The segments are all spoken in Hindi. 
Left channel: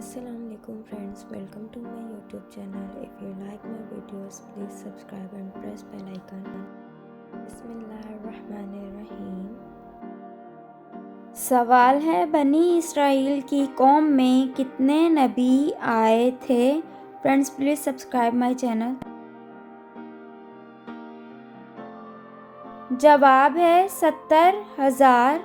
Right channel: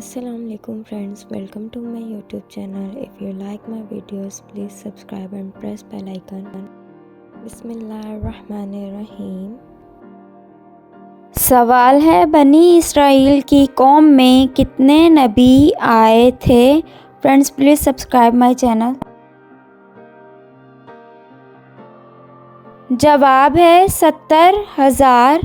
Assalamualaikum friends, welcome to my YouTube channel. If you like my videos, please subscribe and press bell icon. बिस्मिल्लाहिर्रहमानिर्रहीम। सवाल है, बनी इसराइल की कौम में कितने नबी आए थे? Friends please subscribe my channel. जवाब है 70,000।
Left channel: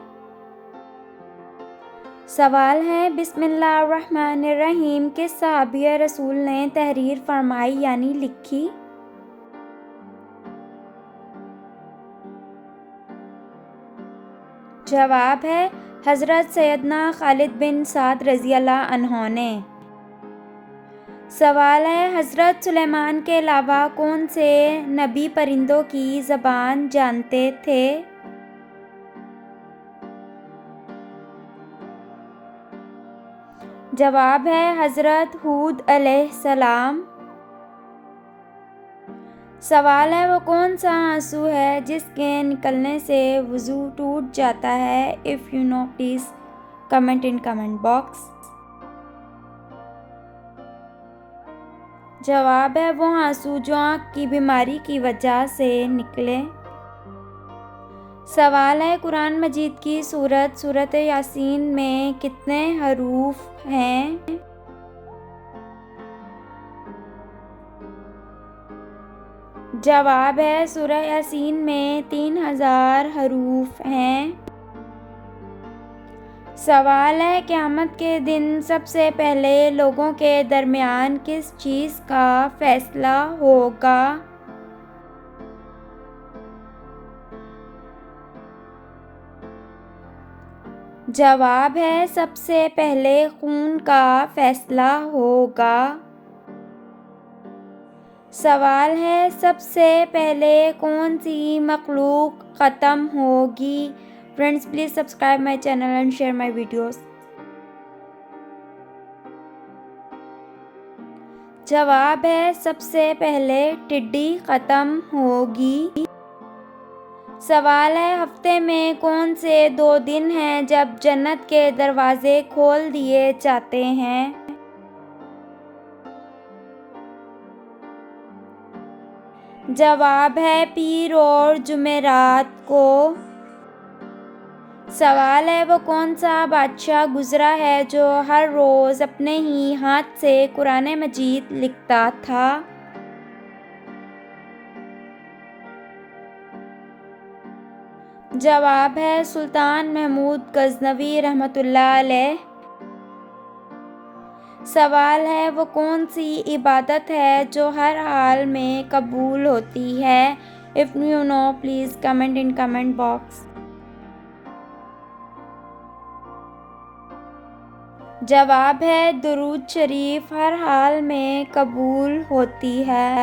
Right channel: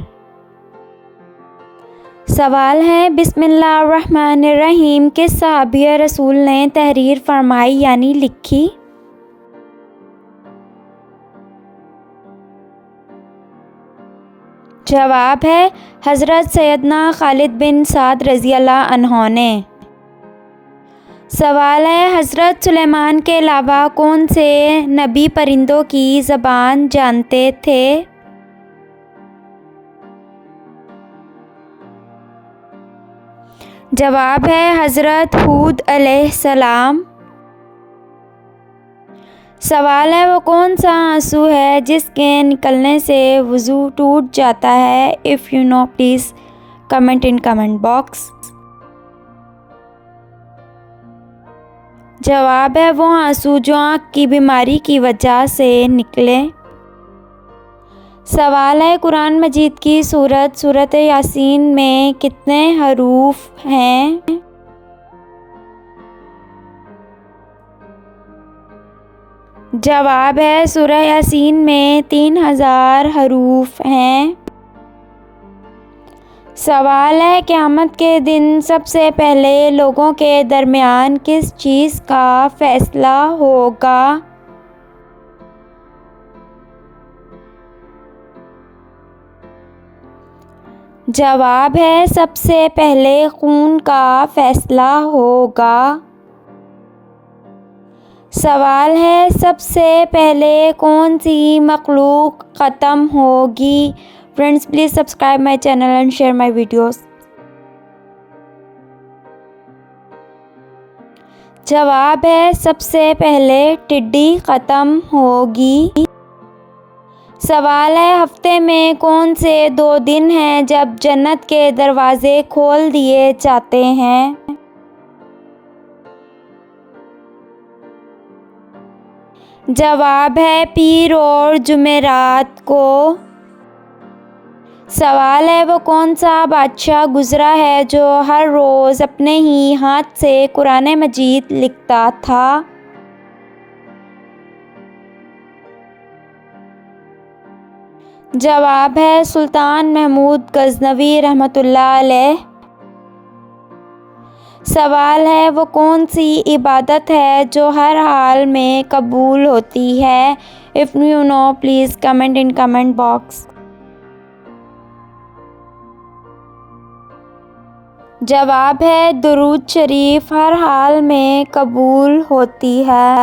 सवाल है, बिस्मिल्लाहिर्रहमानिर्रहीम किस सहाबी रसूल ने तहरीर फरमाई यानी लिखी? जवाब है हज़रत सैयदना खालिद बिन साद रज़ियल्लाहु अन्हु ने। सवाल है, हज़रत सुलेमान के अलावा कौन से नबी परिंदों की ज़बान जानते थे? जवाब है हज़रत हूद अलैहिस्सलाम। सवाल है, वो कौन सा आंसू है जिसके निकलने से वज़ू टूट जाता है? If you know please comment in comment box. जवाब है वो आंसू जो आँख की बीमारी की वजह से निकले। सवाल है, कुरान मजीद की सूरत यासीन में कितने हरूफ हैं? जवाब है सूरह यासीन में 3000 हरूफ हैं। सवाल है, क़यामत के दिन सबसे पहले लोगों के दरमियान किस चीज़ का फ़ैसला होगा? जवाब है सबसे पहले खून का फ़ैसला होगा। सवाल है, सबसे पहले कौन सी मखलूक ख़त्म होगी? Friends please subscribe my channel and share my videos. जवाब है सबसे पहले टिड्डी ख़त्म होगी। सवाल है, हफ्ते में कौन से 2 दिन हैं जब जन्नत के दरवाज़े खोल दिए जाते हैं? जवाब है पीर और जुमेरात को। सवाल है, वो कौन सा बादशाह गुज़रा है जो हर रोज़ अपने ही हाथ से कुरान मजीद लिखता था? जवाब है सुल्तान महमूद गज़नवी रहमतुल्लाह अलैह। सवाल है, वो कौन सी इबादत है जो हर हाल में कबूल होती है? If you know please comment in comment box. जवाब है दुरूद शरीफ हर हाल में कबूल होती है।